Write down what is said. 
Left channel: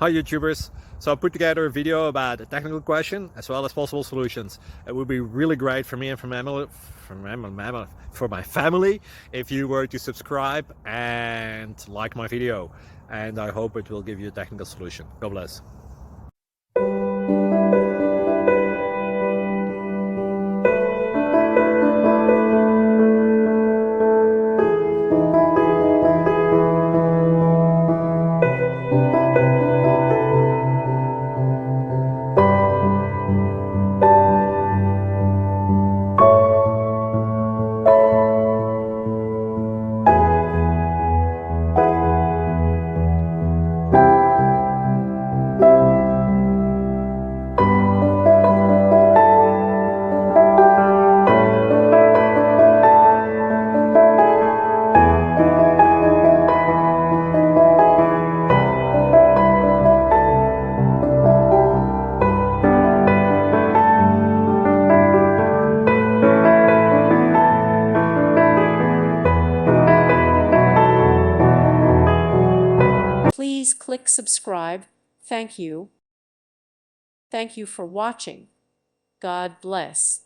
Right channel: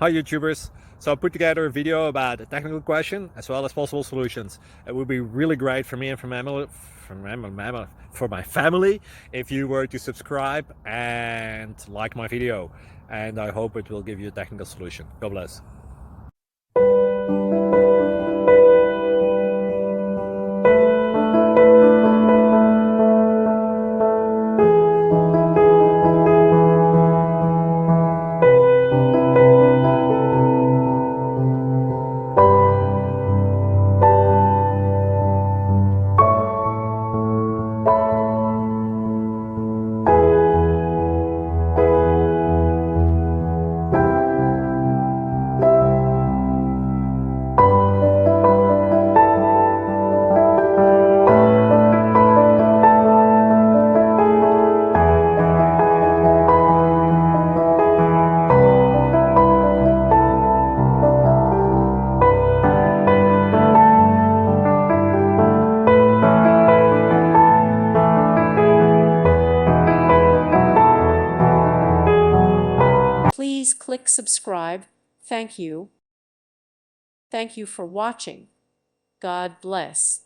Hi YouTubers! So I put together a video about a technical question as well as possible solutions. It would be really great for me and for my family if you were to subscribe and like my video, and I hope it will give you a technical solution. God bless. Please click subscribe. Thank you. Thank you for watching. God bless.